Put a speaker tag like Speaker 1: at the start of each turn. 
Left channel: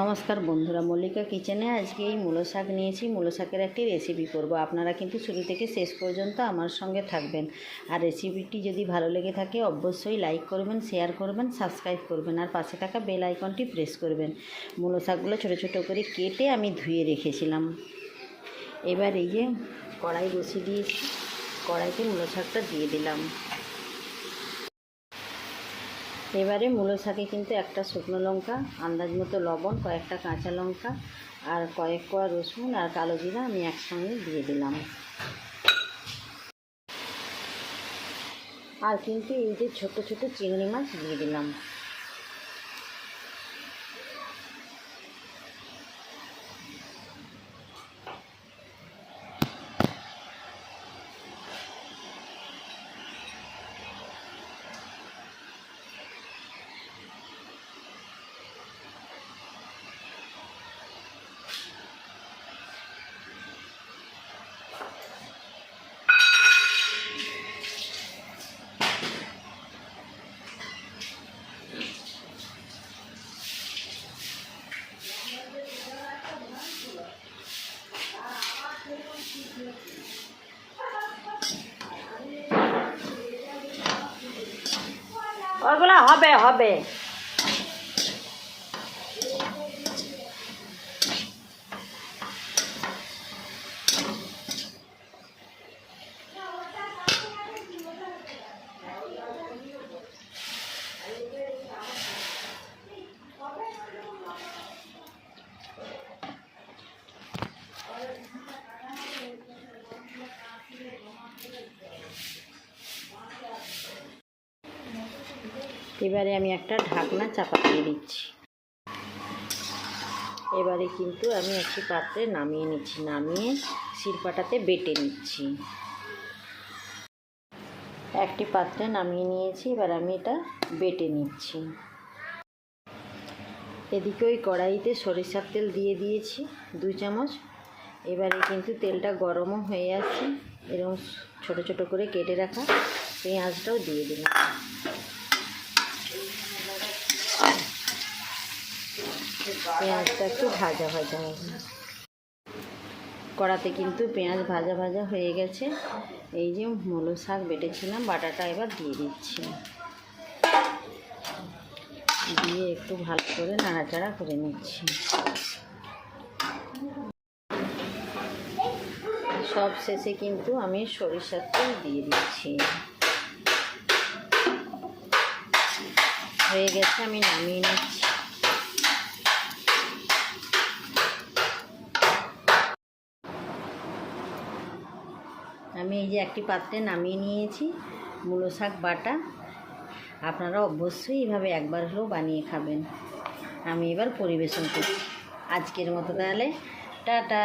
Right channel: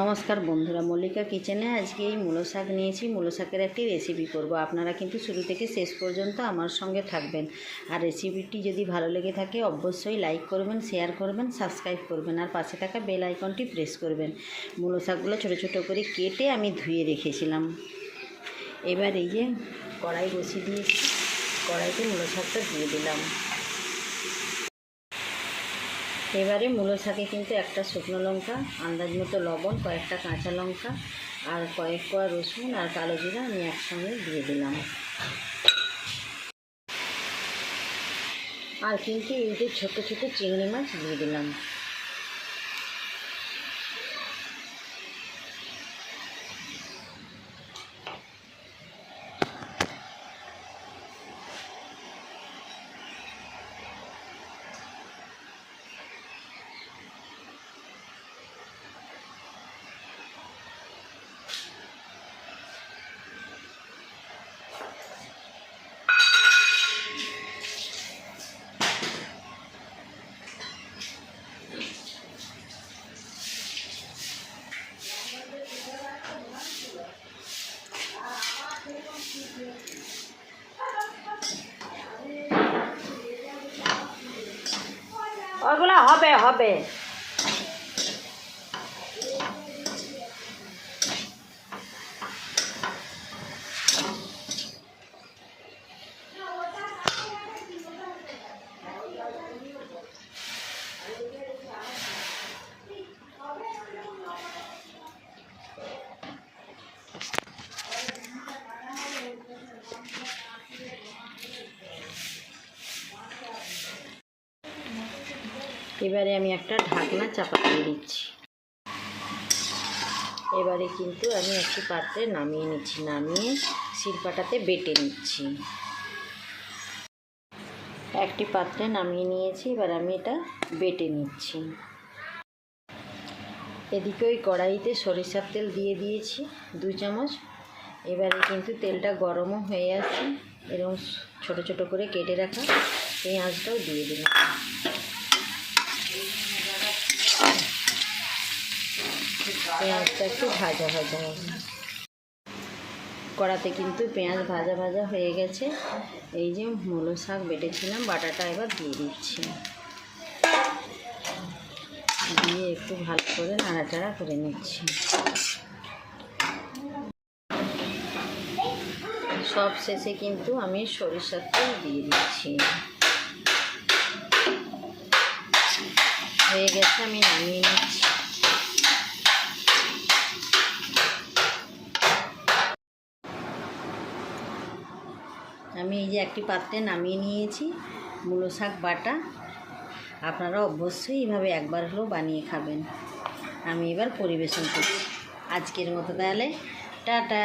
Speaker 1: নমস্কার বন্ধুরা, মল্লিকা কিচেনে আজকে এই মূলো শাক নিয়েছি। মূলো শাকের একটি রেসিপি করব। আপনারা কিন্তু শুরু থেকে শেষ পর্যন্ত আমার সঙ্গে থাকবেন। আর রেসিপিটি যদি ভালো লেগে থাকে, অবশ্যই লাইক করবেন শেয়ার করবেন সাবস্ক্রাইব করবেন, আর পাশে থাকা বেল আইকনটি প্রেস করবেন। মূলো শাকগুলো ছোটো ছোটো করে কেটে আমি ধুয়ে রেখেছিলাম। এবার এই যে কড়াই বসিয়ে দিয়েছি। কড়াইতে মূলো শাকটা দিয়ে দিলাম। এবারে মূলো শাকে কিন্তু একটা শুকনো লঙ্কা, আন্দাজ মতো লবণ, কয়েকটা কাঁচা লঙ্কা আর কয়েক কোয়া রসুন আর কালো জিরা আমি একসঙ্গে দিয়ে দিলাম। আর কিন্তু এই যে ছোটো ছোটো চিংড়ি মাছ দিয়ে দিলাম। ওগুলো হবে হবে। এবারে আমি একটা ঢাকনা চাপা দিয়ে দিচ্ছি। এবারে কিন্তু আমি একটি পাত্রে নামিয়ে নিচ্ছি, নামিয়ে শিলপাটাতে বেটে নিচ্ছি। একটি পাত্রে নামিয়ে নিয়েছি, এবার আমি এটা বেটে নিচ্ছি। এদিকে ওই কড়াইতে সরিষার তেল দিয়ে দিয়েছি দু চামচ। এবারে কিন্তু তেলটা গরমও হয়ে আসছে এরকম ছোট ছোট করে কেটে রাখা পেঁয়াজটাও দিয়ে দিলাম। পেঁয়াজটা একটু ভাজা ভাজা হবে। কড়াতে কিন্তু পেঁয়াজ ভাজা ভাজা হয়ে গেছে। এই যে মূলো শাক বেটেছিলাম, বাটাটা এবার দিয়ে দিচ্ছি। দিয়ে একটু ভালো করে নাড়াচাড়া করে নিচ্ছি। সব শেষে কিন্তু আমি সরিষার তেল দিয়ে দিচ্ছি। হয়ে গেছে, আমি নামিয়ে নিচ্ছি। আমি এই যে একটি পাত্রে নামিয়ে নিয়েছি, মূলো শাক, বাটা। আপনারা অবশ্যই এইভাবে একবার হলেও বানিয়ে খাবেন। আমি এবার পরিবেশন করছি। আজকের মতো তাহলে, টাটা।